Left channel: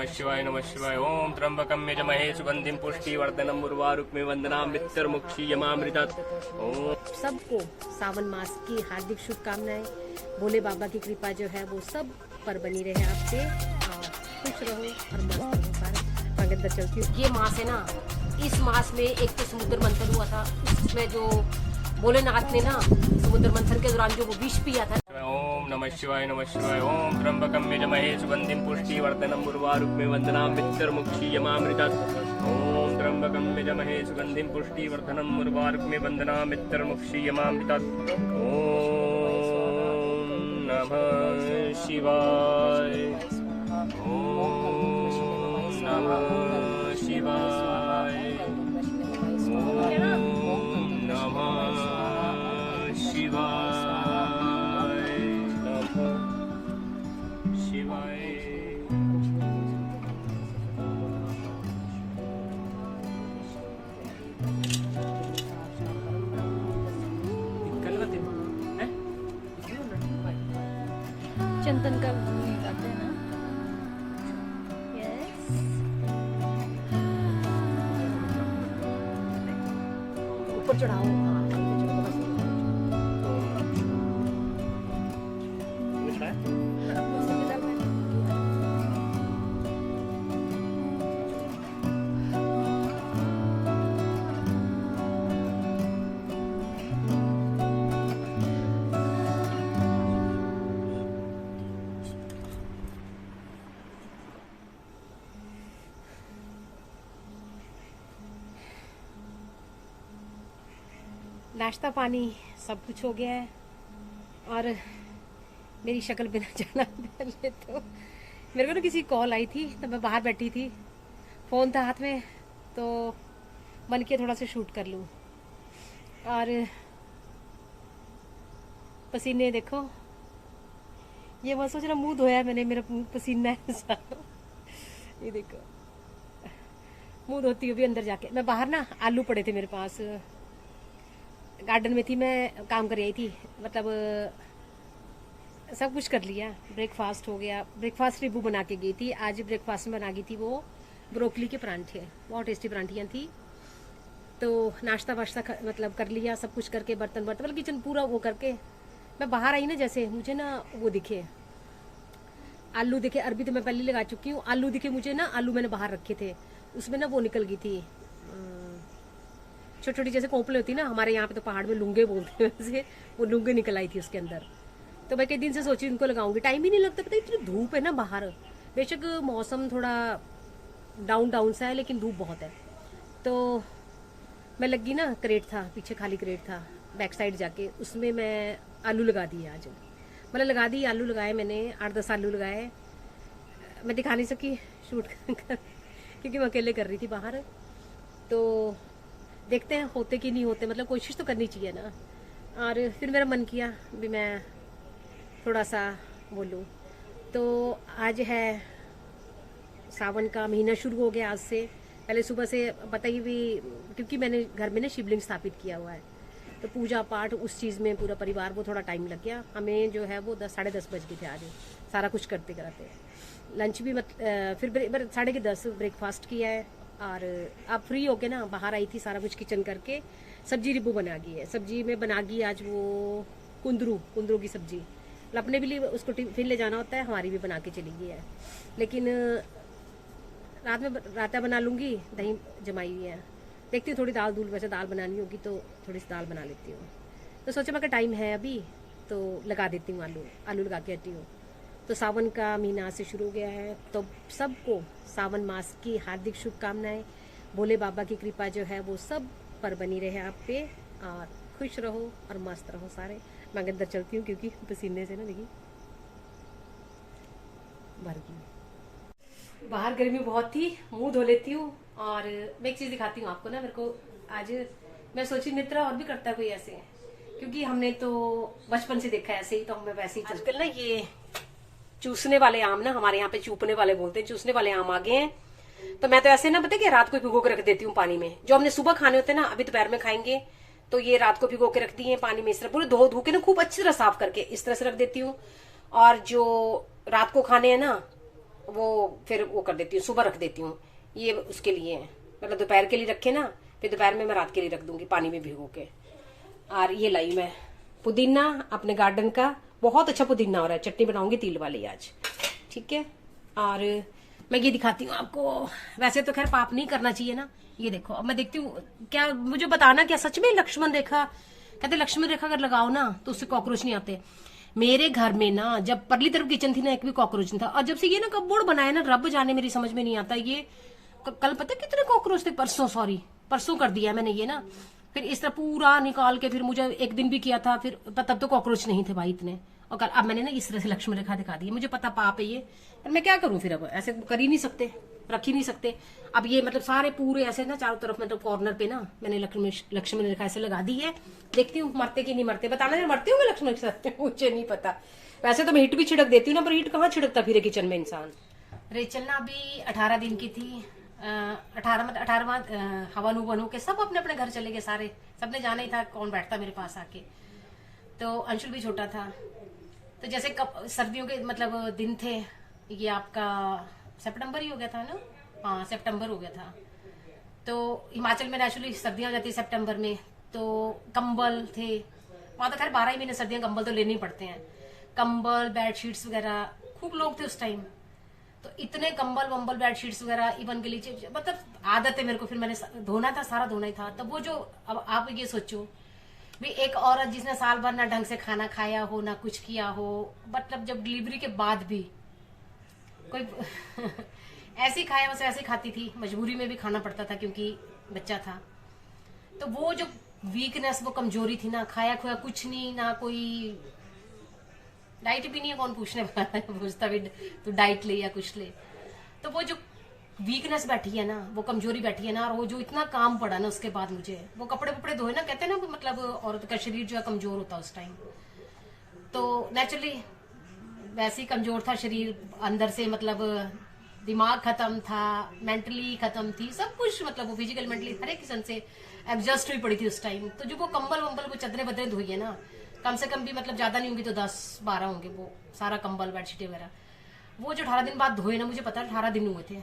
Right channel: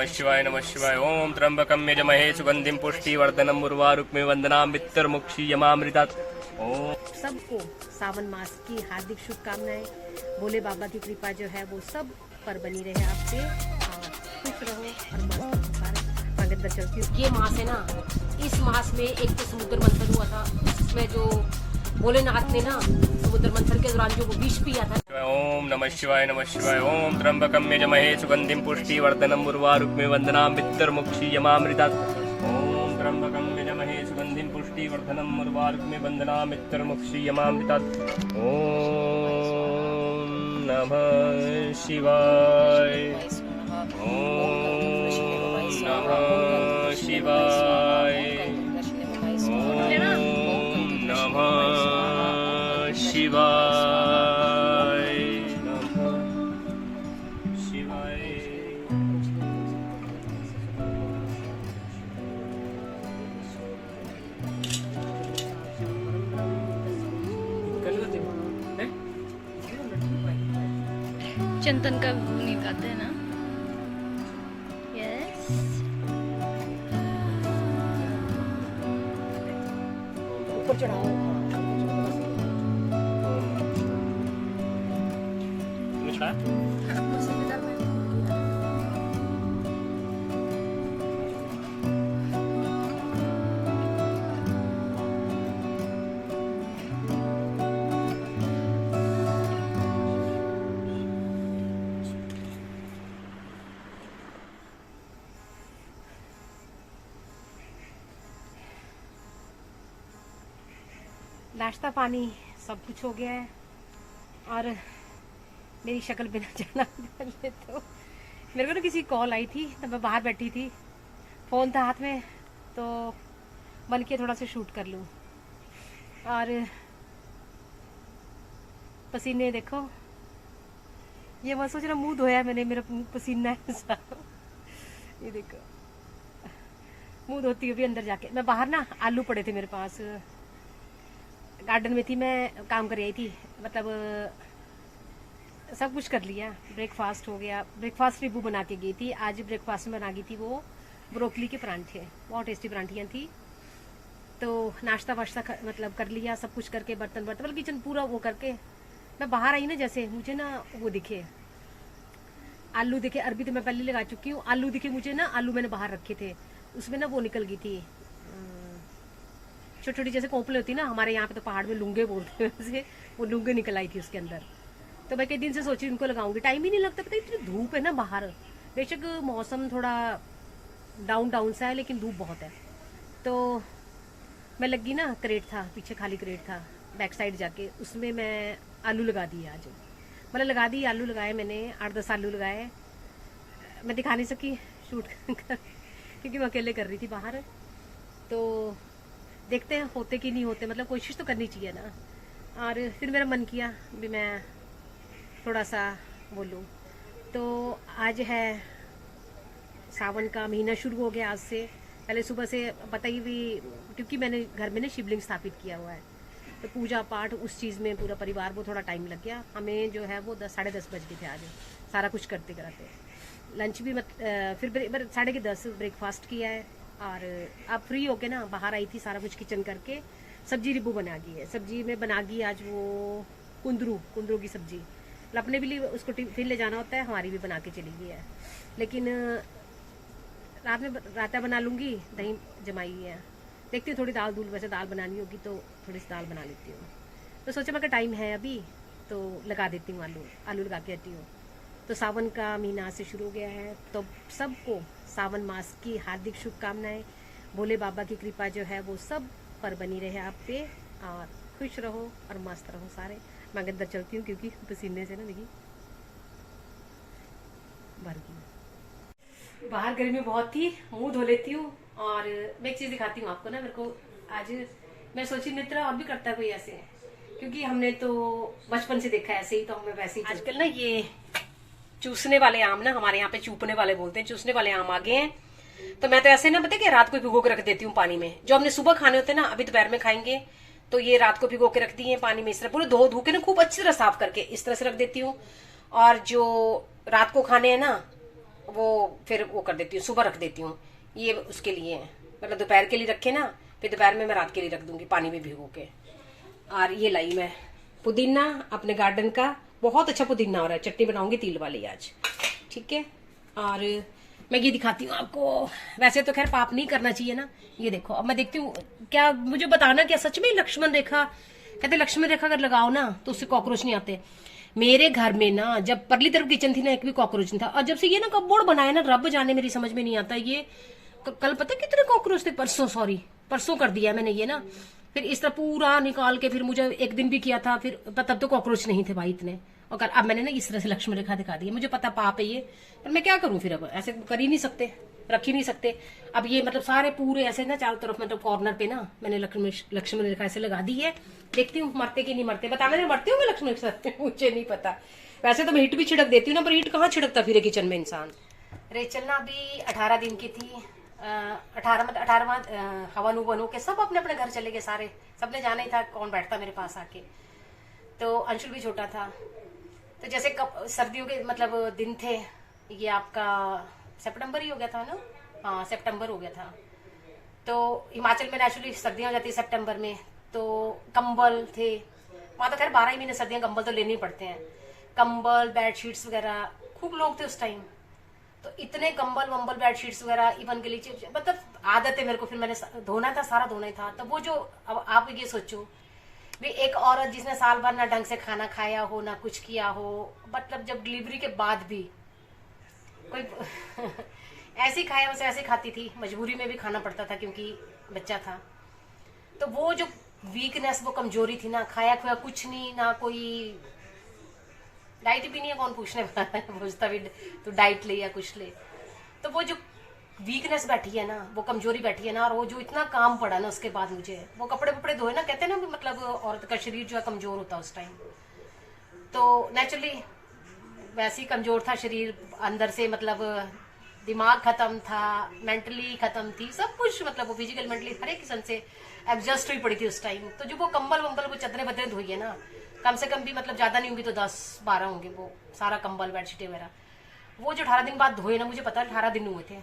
नमः शिवाय नमः शिवाय। ओम त्र्यंबकं यजामहे सुगंधिं पुष्टिवर्धनम् उर्वारुकमिव वंदनामि पितृमुक्षीयमामृतात्। ओम सबको सावन मास की हार्दिक शुभकामनाएं। भोले बाबा की कृपा जो है वो सब पर बनी रहे आपसे, और खुश रहो और मस्त रहो सारे। मैं अंदर चलती हूँ। ये मास है ना, इस मास में एक तो समुद्र मंथन हुआ था, उसमें जो भोलेनाथ ने ना समुद्र मंथन के दौरान जो वो विष पिया था। ओम नमः शिवाय नमः शिवाय। ओम त्र्यंबकं यजामहे सुगंधिं पुष्टिवर्धनम् उर्वारुकमिव वंदनामि पितृमुक्षीयमामृतात्। ओम त्र्यंबकं यजामहे सुगंधिं पुष्टिवर्धनम् उर्वारुकमिव वंदनामि पितृमुक्षीयमामृतात्। ओम नमः शिवाय। ओम नमः शिवाय। ओम नमः शिवाय। चंदन का निकालते हैं ना। यस, ऊपर चढ़ाओ। नाश्ता पानी सब कुछ हो गया है, और मेरी शक्ल बिना जाना पहले तो मेरे को ना किसी कॉल आई थी, तो मैं बाहर बैठी थी, फ़ोन था हाथ में, तो मन किया थोड़ा सा शूट कर लूँ। और पसीने देखो, ये मैं सोच रहा मुंह धोया मैंने, मेरा मुंह पसीना है सारा। ये देखो मुंह धोती हुई अंदर जाके। मैं बाहर ना आलू पड़े थे मेरे पास, गार्डन में थी, मैं काम कर रही थी, मतलब सब कुछ कर लिया। ब्रेकफास्ट हो गया, ब्रेकफास्ट रिबू बना के गई थी आज। ब्रेकफास्ट में बना गई थी वो ब्रोकली के परांठे, बहुत टेस्टी परांठियाँ थी। तो नाश्ता वाश्ता मतलब कर लिया, सब कुछ करके बर्तन मतलब किचन पूरा वो करके मैं बाहर आई ना, जैसे मुझे ना वो दिखे आलू दिखे। अरबी तो मैं पहले लगा चुकी हूँ। आलू दिखे मुझे ना, आलू मैंने बाहर रखे थे, उसमें ना वो निकल गई थी छोटी छोटी, जैसे कोंपले होती ना, हमारे यहाँ पे तो पहाड़ में लुंगे बोलते हैं वैसे, वो लुंगे निकल आई थी उसके अंदर। तो मैं कई दिन से सोची उनको लगाऊंगी, टाइम ही नहीं लगता। पता इतनी धूप है ना बाहर, बेशक मौसम थोड़ा डाउन डाउन सा है, लेकिन धूप बहुत है। तो मैं लगी ना, क्रेट था पीछे, खाली क्रेट था बैक साइड जाके, उसमें मैं आलू लगा दिए आज। मतलब लगा दिए, आलू लगाए मैंने, 8-10 आलू लगाए। मैं दिखा नहीं सकी शूट कर क्योंकि मैं अकेले कर रही थी बाहर। तो देखते हैं होते कि नहीं होते, मतलब कोशिश तो करनी चाहिए ना। और फिर मेरा मन किया भी मैं थोड़ा सा बोलूँ। तो आज है सावन का महीना शुरू हो गया आज से। पहले सुबह से पता ही भी, क्योंकि मैंने घर में ना शिवलिंग स्थापित किया हुआ है, तो पूजा पाठ उस चीज़ में पूरा परिवार, वो थोड़ा टाइम लग गया हमें। जो है वो 10-10:30 बज गए थे आज, सारा कुछ करते कराते। लंच भी फिर 10:30 ब्रेकफास्ट किया है, और अब फ्री होके ना बाहर आई थी, सारा कुछ किचन करके। सब्जी रिबू बना गई है, सब्जी में बना गई आज वो कुंदरू की सब्जी। अपने भी लिए उसको टिफिन ले जाना होता है, हमारी भी बना के चली गई है। लेकिन रात में रायता बना लूँगी, दही जमाई हुई है। देखती हूँ थोड़ी दाल दूल, वैसे दाल बनानी होगी तो थोड़ी सी दाल बना लेती हूँ। तो सोचा मैं टाइम है अभी, तो लगा देती हूँ आलू लगा के आती हूँ। तो सावन का महीना से शुरू हो गया है, तो सबको सावन मास की हार्दिक शुभकामनाएं। भोले बाबा की कृपा जो है वो सब पर बनी रहे आप पे, और खुश रहो और मस्त रहो सारे। मैं अंदर चलती हूँ क्योंकि पसीने से ना देखी भर गई। बाहर गर्मी बहुत थी, मुंह धो लेती हूँ। और मैं एक चीज दिखाती हूँ आपको ना, मेरे को आज मैं सोची मित्रा और भी करता है कोई ऐसे, क्योंकि हमने तो बचपन से देखा है ऐसे ही, तो हमें वैसे ही। आजकल ना ये चूसने वाले आम ना, हमारे यहाँ पे चूपने वाले बोलते हैं, चूसने वाले आम आ गए हैं। तो मैं तो ऐसे ना, पता है कि रात को भिगो के रख देती हूँ पानी में। जो हमने सुबह खाने होते हैं ना, अभी दोपहर में खाएंगे, तो ये रात को भिगो के रख दिए पानी में, इस तरह पूरे धो के ना खूब अच्छी तरह साफ करके इस तरह से रख देती हूँ। और जो रात को खाने हैं ना, वो फिर वो कर देती हूँ, सुबह रख देती हूँ। ये उसके लिए है, मतलब दोपहर के लिए रखे ना, फिर दोपहर में मैं रात के लिए रख दूंगी पानी में भिगो के। और ये लाई मैं पुदीना अपने गार्डन का, बहुत अच्छा पुदीना हो रहा है, चटनी बनाऊंगी तिल वाली आज, ठीक है। और मैं ये दिखाती हूँ आपको, वैसे तो खैर पाप नहीं करना चाहिए ना। ये देखो, अब मैं देखती हूँ, क्या मुझे बताना क्या सच में लक्ष्मण रेखा, कहते लक्ष्मण रेखा अगर लगाओ ना तो उससे कॉकरोच नहीं आते। मेरे घर में ना जब परली तरफ किचन थी ना, एक भी कॉकरोच नहीं था, और जब से ये ना कपबोर्ड बनाया ना, रब जाने मेरी समझ में नहीं आता। ये कल पता कितने कॉकरोच थे, परसों कर दिया मैंने ये ना, फिर इस तरह पूरा निकाल के, फिर मुझे एक दिन भी किया था, फिर तब तो कॉकरोच नहीं थे भाई इतने। और अब मैंने ना इस तरह से लक्ष्मण रेखा दिखा दी है। मुझे पता पाप है ये, पर मैं क्या करूं फिर, अब ऐसे कर ही नहीं सकते, रख ही नहीं सकते। अब ये मतलब सारे पूरे ऐसे ना चारों तरफ, मतलब कॉर्नर पे ना मैंने लक्ष्मण रेखा ऐसे लगा दी है। देखती हूँ मरते कि नहीं मरते, बताना नहीं मरते होंगे लक्ष्मण रेखा मुझे नहीं पता। वैसे तो मैं हिट भी छिड़क देती हूँ ना, पर हिट कहाँ छिड़कता फिर किचन में इंसान। रेचल ना अभी 18 दिन की थी, 18वां हवन उवन के सब अपने अपने घर चले गए सारे, सबने जाना ही था कौन बैठता मेरे पास आके। तो अंशुल भी छोटा था, तो जैसे सर्दियों के मतलब दिन थे, ये आपका सितंबर ही हो गया था ना, हाँ सितंबर हो गया था। तो हिमाचल में नेचुरली सर्दियां हो जाती है सितंबर में, तो कंबल थे वहां, तो खैर 12 ही महीने सर्दियां, कंबल तो लेने ही पड़ते हैं, कंबल बेडशीट्स वगैरह खूब लोग थे उस टाइम। तो इतने कंबल वंबल बेडशीट्स वगैरह, इवन गलीचे, मतलब आदत है मेरे को, फिर मैंने धोना था, सारा धोना ही था। तो वो जो, अब आप ये सोचो भी एक औरत जिसने साल भर ना ढंग से खाना खाया हो ना कुछ किया हो, मतलब जब डिलीवरी के बाद भी कोई ऐसे ही खाया उसे ऐसे खाती थी, मजबूरी में भी खाना पड़ता था क्योंकि बच्चा था। तो वो जो वीकनेस, वो कमजोरी थी ना, खाया खुया कुछ नहीं, ना कोई डाइट भी नहीं है, कौन पूछने वाला है, पूछता भी तो डाइट ले या कुछ ले। तो वो जो वीकनेस बैठी है ना, वो कमजोरी बैठी है ना, और वो जो इतना काम पड़ा ना उसके बाद मुझे, वो कपड़े वपड़े धोए ना, कहते हैं ना मतलब औरत का शरीर जो है कमजोर होता है उस टाइम। तो नेचुरली वैसे ही कमजोर था शरीर अंदर से, मतलब दिमाग खत्म था, मेंटली खत्म थी, सब कुछ, मतलब वो फिजिकल मेंटली हर एक किस्म से एडजस्ट हुई पड़ी थी उस टाइम। तो जो वो कंबल वंबल, वो चदरें बदरें धोई है ना, कम से कम भी मतलब ज्यादा नहीं होंगी तो 10-12 होंगे, वो सारा कंबल बेडशीट वगैरह, वो जो 18 दिन बाद धोए ना, मुझे पता 18 दिन हुए थे,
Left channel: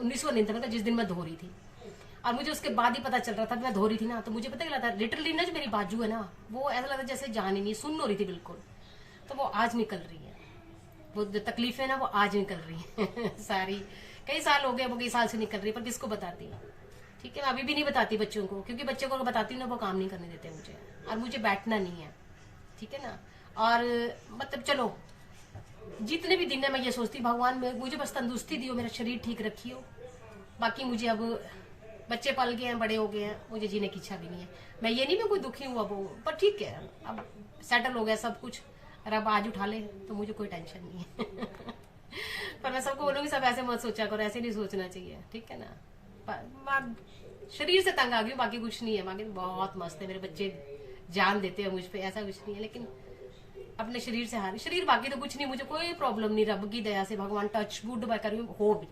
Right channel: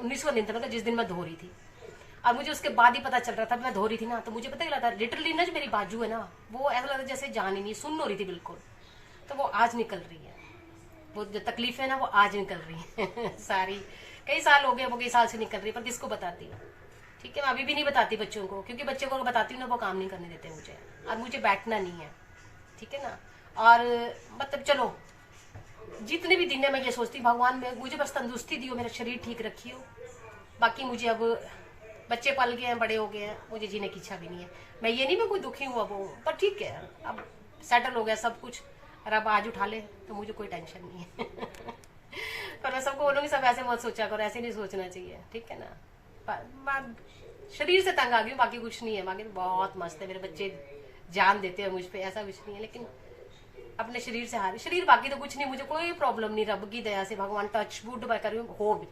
19वां दिन था मतलब जिस दिन मैं धो रही थी। और मुझे उसके बाद ही पता चल रहा था, मैं धो रही थी ना, तो मुझे पता लगा था लिटरली ना, जो मेरी बाजू है ना, वो ऐसा लगा जैसे जान ही नहीं, सुन्न हो रही थी बिल्कुल। तो वो आज निकल रही है, वो जो तकलीफ है ना, वो आज निकल रही है सारी, कई साल हो गए, वो कई साल से निकल रही है, पर किसको बताती है, ठीक है। मैं अभी भी नहीं बताती बच्चों को, क्योंकि बच्चों को बताती हूँ ना, वो काम नहीं करने देते मुझे, और मुझे बैठना नहीं है, ठीक है ना। और मतलब चलो जितने भी दिन है, मैं ये सोचती भगवान में मुझे बस तंदुरुस्ती दियो, मेरा शरीर ठीक रखियो, बाकी मुझे अब बच्चे पल गए हैं, बड़े हो गए हैं, मुझे जीने की इच्छा भी नहीं है। मैं ये नहीं मैं कोई दुखी हूँ अब, पर ठीक है, अब सेटल हो गया सब कुछ, और अब आज उठा ले तो मुझे कोई टेंशन नहीं है पर मैं सबको बोलूंगी सब ऐसे मत सोचा करो, ऐसे नहीं सोचना चाहिए, ठीक है ना। शरीर से तंग आ गई, बाकी कुछ नहीं है, बाकी तो बहुत मस्त है, मेरे बच्चे जान देते हैं मुझ पे, ऐसा कुछ नहीं है, लेकिन अपने शरीर से हारे शरीर, बाकी तो कुछ नहीं, मुझे कोई प्रॉब्लम नहीं, रब की दया से, भगवान टच वुड मैं कर हो भी।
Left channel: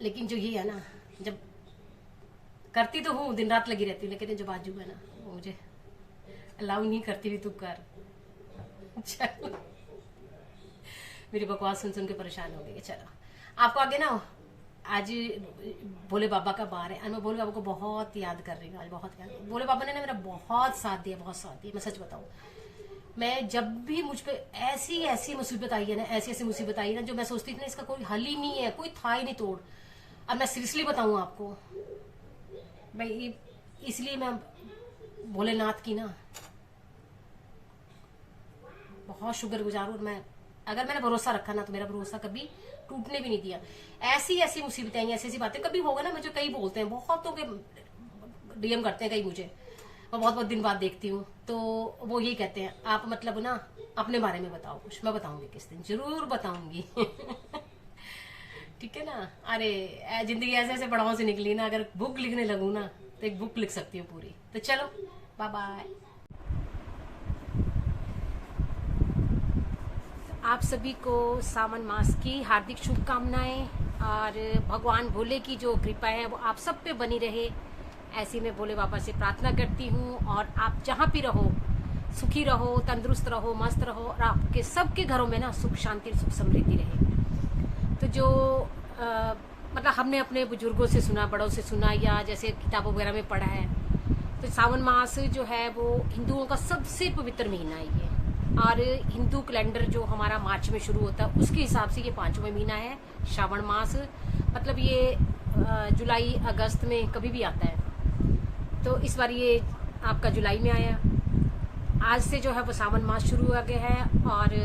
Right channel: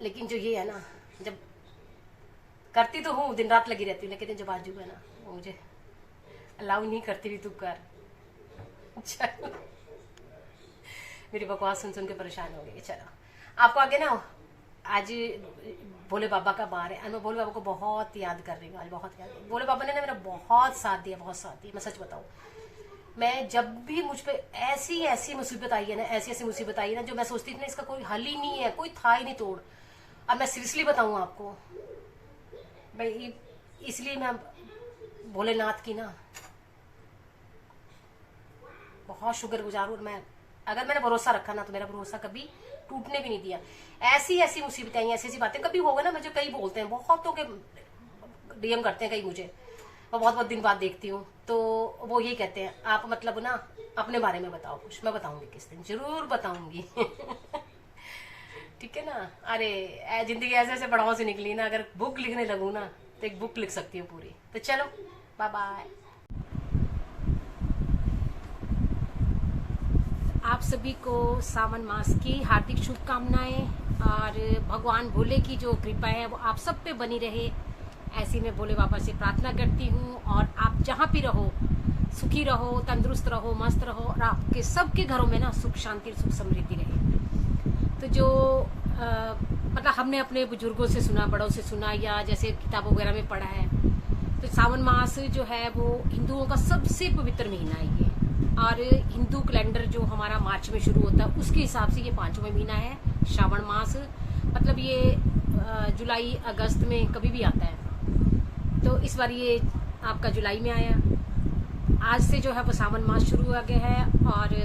लेकिन जो ये है ना, जब करती तो हूँ, दिन रात लगी रहती हूँ, लेकिन जो बाजू है ना, वो मुझे अलाउ नहीं करती भी, तू कर। चलो मेरी बकवास सुन सुन के परेशान हो गई। चलो आपको आगे ना, आज भोले बाबा का बार है, और मैं भोले बाबा को बहुत याद कर रही हूँ आज, बहुत याद। भोले बाबा ने ना मेरा बहुत साथ दिया, बहुत साथ दिया, मैं सच बताऊं। मैं जब भी मुझ पे ऐसी ऐसी मुसीबत आई है ना, ऐसी ऐसी मुसीबत आई है ना, जो मैं सोचती थी ना इसका कोई हल ही नहीं है, कोई था ही नहीं तोड़, और मैं सीरियसली बताऊं आपको भाई, इसलिए मैं भोलेनाथ की ना बहुत शुक्रगुजार हूं। और मैं अगर मैंने भरोसा रखा ना, तो मेरा भरोसा कभी टूटने भी नहीं दिया। ऐसी ऐसी मुसीबतें आई, ऐसी ऐसी बातें कभी होगा ना, मुझे कई बोलते हैं, बहुतों के डीएम करते हैं कई मुझे, मैं बहुत बहुत दिन बाद देखती हूँ, तो वो यही कहते हैं आप मतलब ना अपने बारे में बताओ कुछ। मैं बताऊंगी किस दिन, जरूर बताऊंगी ठीक है ना। अरे जिंदगी ऐसे ऐसे पड़ावों से निकली ना, अगर बुक लिखने लगूँ ना तो एक बुक लिख सकती हूँ पूरी। तो चलो बाय बाय। आप सभी को सावन मास की हार्दिक शुभकामनाएं, और भगवान भोले की जो कृपा है वो आप सब पे बनी रहे, ऐसी मैं भोले बाबा से प्रार्थना करती हूँ। और आप जहाँ भी रहो, सुखी रहो, तंदुरुस्त रहो, मस्त रहो, और आपके सबके घरों में ना सुख शांति सुख समृद्धि रहे। तो जो मतलब हमने अपने बुजुर्गों से सुना, बड़ों से सुना, या जैसे किताबों वगैरह में पढ़ा है, तो सावन मास जो है वो हिंदुओं का सबसे पवित्र महीना है ये। और हिंदू कैलेंडर जो हमारा मार्च में शुरू होता है उसके हिसाब से ये 5वां महीना है श्रावण मास। मतलब ये जुलाई अगस्त में कभी भी आता है, तो इस बार ये आपका जुलाई में आया। आज से जो है वो सावन मास शुरू हो गया है। और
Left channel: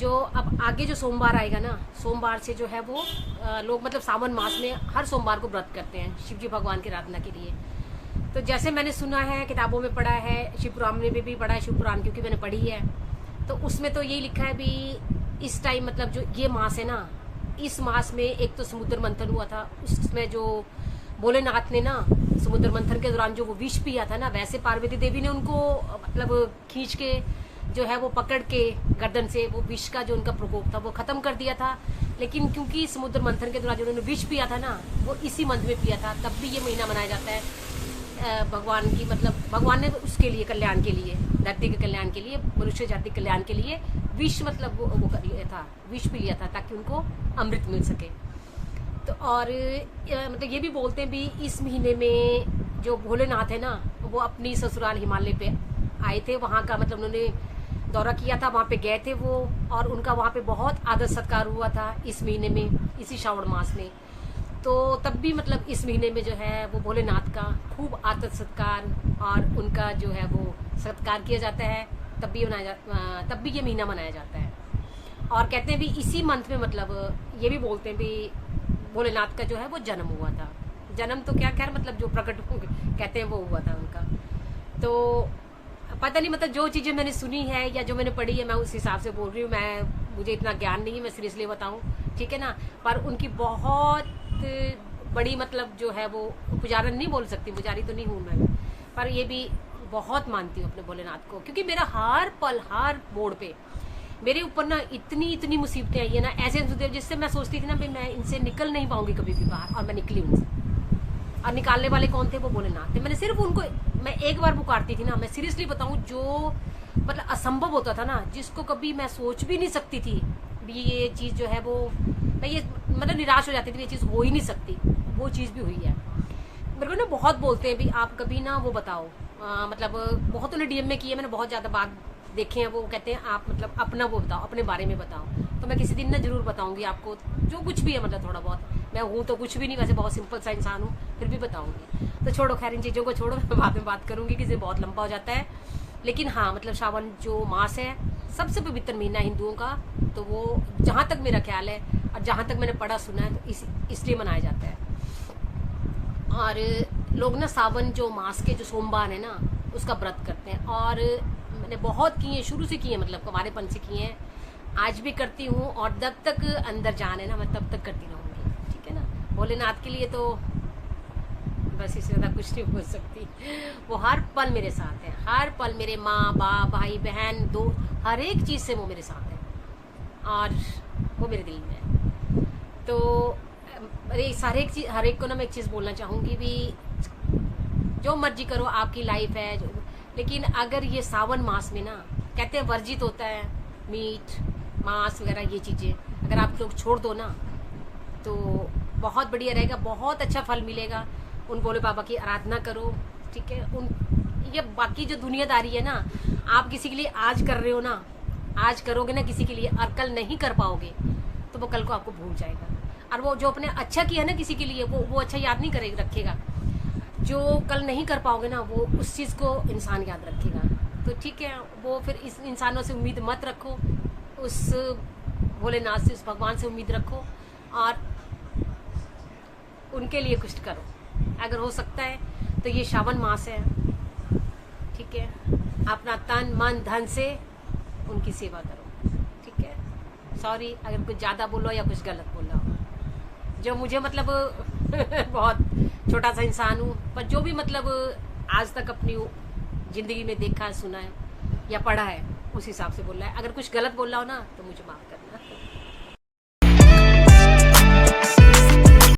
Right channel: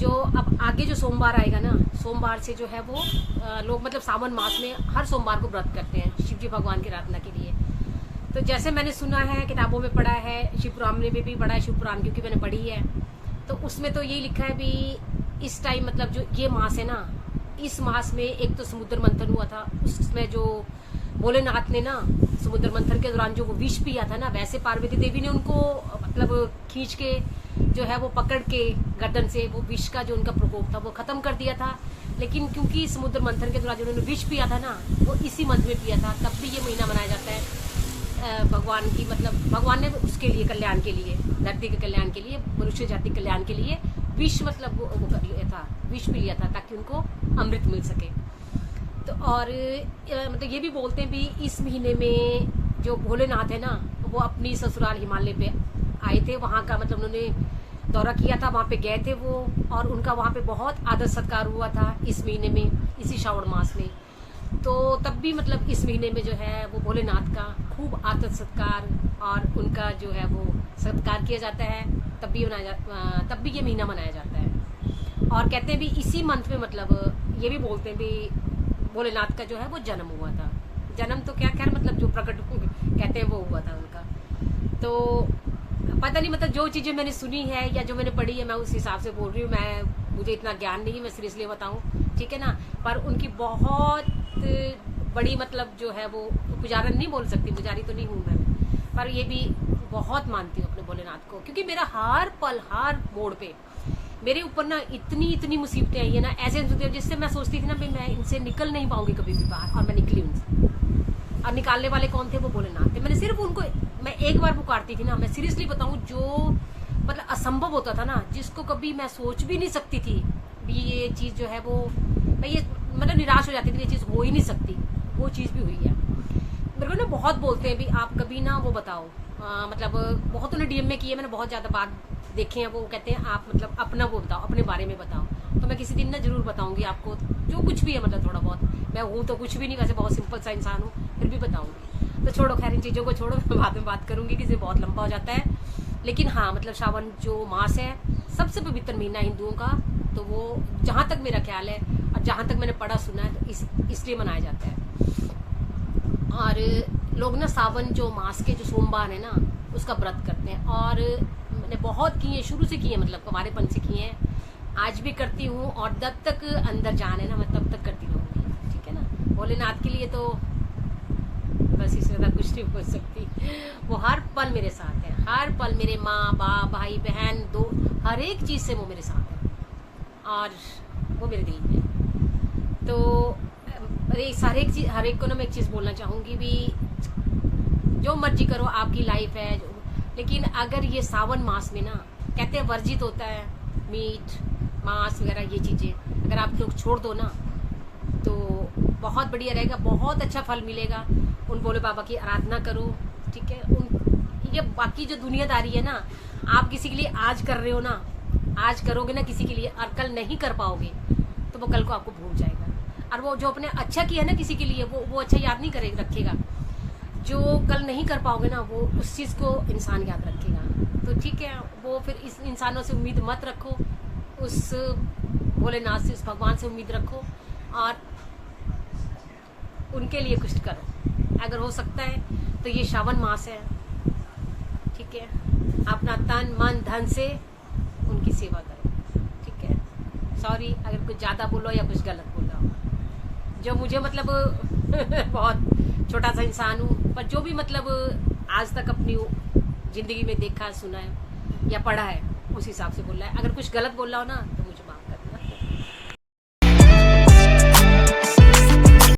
जो अब आगे जो सोमवार आएगा ना, सोमवार से जो है वो लोग मतलब सावन मास में हर सोमवार को व्रत करते हैं शिव जी भगवान की आराधना के लिए। तो जैसे मैंने सुना है, किताबों में पढ़ा है, शिव पुराण में भी पढ़ा है, शिव पुराण क्योंकि मैंने पढ़ी है, तो उसमें तो यही लिखा है भी इस टाइम मतलब जो ये मास है ना, इस मास में एक तो समुद्र मंथन हुआ था, उसमें जो भोलेनाथ ने ना समुद्र मंथन के दौरान जो वो विष पिया था ना, वैसे पार्वती देवी ने उनको मतलब खींच के जो है वो पकड़ के गर्दन से वो विष का जो उनका प्रकोप था वो खत्म कर दिया था। लेकिन क्योंकि समुद्र मंथन के दौरान जो उन्होंने विष पिया था ना, वो इसी मंथ में पिया था, तब भी ये महीना मनाया जाता है भगवान की, मतलब भगवान ने उसके लिए, कल्याण के लिए, धरती के कल्याण के लिए, मनुष्य जाति कल्याण के लिए विष मतलब वो कर लिया था, विष पी लिया था ताकि उनको अमृत मिल सके। तो और मतलब ये भी बोलते हैं भी इस महीने में जो भोलेनाथ है ना, वो अपनी ससुराल हिमालय पे आए थे, वहां का मतलब उन्होंने दौरा किया था, वहां पे गए थे वो, और उनका वहां पे बहुत आदर सत्कार हुआ था इस महीने में, इसी श्रावण मास में। तो तब भी मतलब इस महीने में जो है वो भोलेनाथ का खूब आदर सत्कार और उनका जो है वो सत्कार किया जाता है, तब भी ये महीना मनाया जाता है। और कहते हैं भी इसी मंथ में मतलब ये भी बोलते हैं भी भोलेनाथ का जो है वो जन्म हुआ था। जन्म तो क्या, खैर मतलब जो प्रकट कहते हैं वो हुआ था उनका। तो पता नहीं, मतलब जो चीजें मैंने सुनी है या जो मैंने पढ़ी है मैं उस हिसाब से बोल रही हूँ। मुझे इतना ज्ञान नहीं है, मैं सीरियसली बताऊं, ठीक है ना। पर उनकी बहुत बड़ी मतलब जो है वो पुजारन नहीं बोल सकती, पुजारी तो नहीं हूं मैं, पर ये भी बहुत मानती हूँ अपने भोलेनाथ को, क्योंकि मेरा हर पल हर मोड़ पे मेरे ऊपर ना इतनी मुसीबतें आई है ना, ऐसे जिससे मैं सोचती थी ना भाई मैं इनसे निकल नहीं पाऊंगी कभी भी बाहर, और मैं निकली उनसे। और निकालने वाले कौन थे? वो भोलेनाथ थे। मैंने सिर्फ उनको, मैं एक बार पुकारती थी ना, मैं सीरियसली बताऊं, जो मतलब असंभव होता था ना, जिसको कभी मैं सोच भी नहीं सकती थी भी ये चीज जो है वो, मैं ये मतलब निराश हो जाती थी, ये चीज हो ही नहीं सकती, वो चीज भी हुई है। मेरे को ना बहुत बोलते हैं भी आप कभी ना वो बताओ, मतलब बहुत उन्हें डीएम में किए, मैंने बहुत ज्यादा बात देखे हैं, वो कहते हैं आप मतलब अपना वो बताओ, अपने बारे में बताओ। तो मैं किसी दिन ना जरूर बताऊंगी आपको जो कुछ भी है, मतलब थोड़ा बहुत। मैं हूँ तो कुछ भी नहीं, वैसे बहुत सिंपल सा इंसान हूँ, फिर भी बताऊंगी। तो छोड़ो, खैर इन चीजों को छोड़ो, मैं बाद में बात करूंगी, किसी बहुत लंबा हो जाता है। लेकिन हाँ, मतलब श्रावण जो मास है सबसे पवित्र महीना हिंदुओं का, तो वो जहां तक मेरा ख्याल है और जहां तक मैंने पढ़ा सुना है, तो इसलिए मनाया जाता है। और लोग ना सावन जो मास के जो सोमवार है ना, उसका व्रत करते हैं, और मैंने बहुत किए हैं, शुरू से किए हैं, मतलब हमारेपन से किए हैं, आज भी करती हूँ, और जब तक अंदर जान है ना मैं तब तक करती रहूंगी, ठीक है ना। भोलेनाथ के लिए तो बस इससे ज्यादा कुछ नहीं बोल सकती। वो हर पल मेरे साथ है, हर पल मेरे माँ बाप भाई बहन दो, हर एक चीज से वो मेरे साथ है, और वो मेरे दिल में है। तो अरे हर एक को ना मैं एक चीज बोलना चाहूंगी भी, जो मर्जी करो, आपकी लाइफ है, लेकिन अगर ये सावन मास में ना कहते हैं वर्जित होता है मीट मांस वगैरह, ये चीजें अगर आप लोग छोड़ दो ना, तो बहुत बढ़िया रहेगा, बहुत अच्छा फल मिलेगा। उन भोले बाबा की आराधना करो, ठीक है। ये बाकी जो दुनियादारी है ना, आप किसी के लिए आज कर रहे हो ना, आज करोगे ना किसी के लिए, और कल नहीं कर पाओगे तो वो कल को आपको भूल जाएगा। और वो जो अपने अच्छा किया ना किसी के लिए, वो अच्छा याद नहीं करेगा, रखेगा। जो कल नहीं कर पाओगे ना, वो उस चीज को इंसान याद रखेगा। तो ठीक है, वो फिर इस इंसानों से उम्मीद मत रखो, उस भोलेनाथ से, उस भगवान से उम्मीद रखो, और उनके लिए कुछ करो अगर हो सकता है। तो ये श्रावण मास है, ठीक है, अपना तन मन धन से उनकी सेवा करो, ठीक है। सॉरी अगर कुछ ज्यादा बोलो या कुछ गलत बोला हो, जो मुझे मतलब बहुत छोटा सा इंसान हूँ, पर जो भी मतलब आज तक अपनी जिंदगी में देखा है, सुना है या पढ़ा है, उस हिसाब से बोल रहा है। अगर कुछ गलत बोल रहा हो ना